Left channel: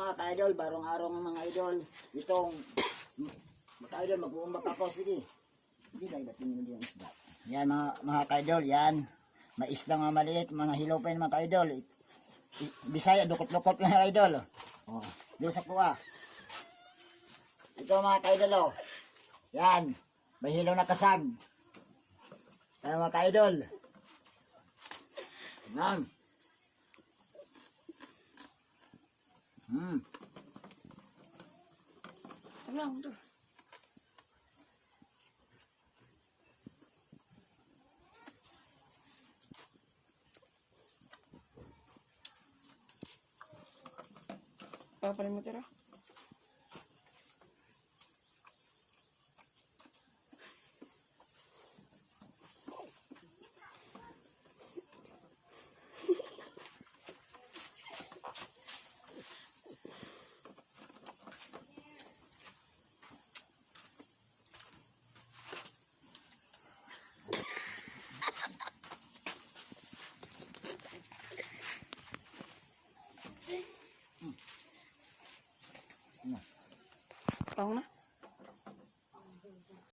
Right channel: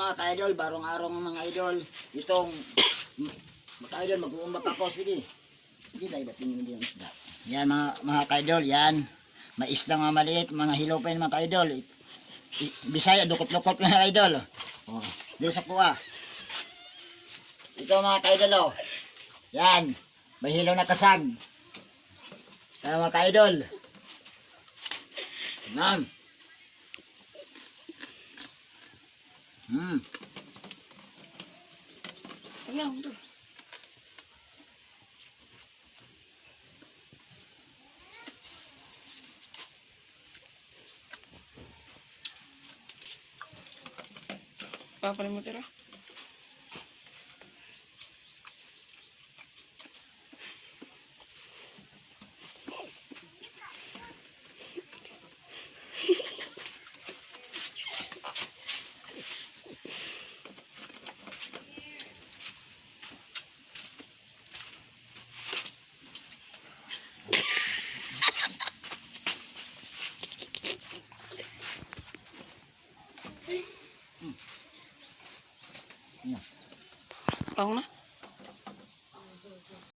mga ka-idol, barong araw mga idol. Itong mga ka-idol, mag-uumbak ako. Sige. Hindi tayo dating yung isda. Yan mga ka-idol, yan. Mais lang mga maliit, mga hilopin mga ka-idol. Bisaya, dukot-dukot mga idol. Oh, dito sa kuha. Ito mga ka-idol, oh. Yan. May hilaw na kasag. Yan mga ka-idol. Yan. Alam to. Papalim mo tira. Pang na.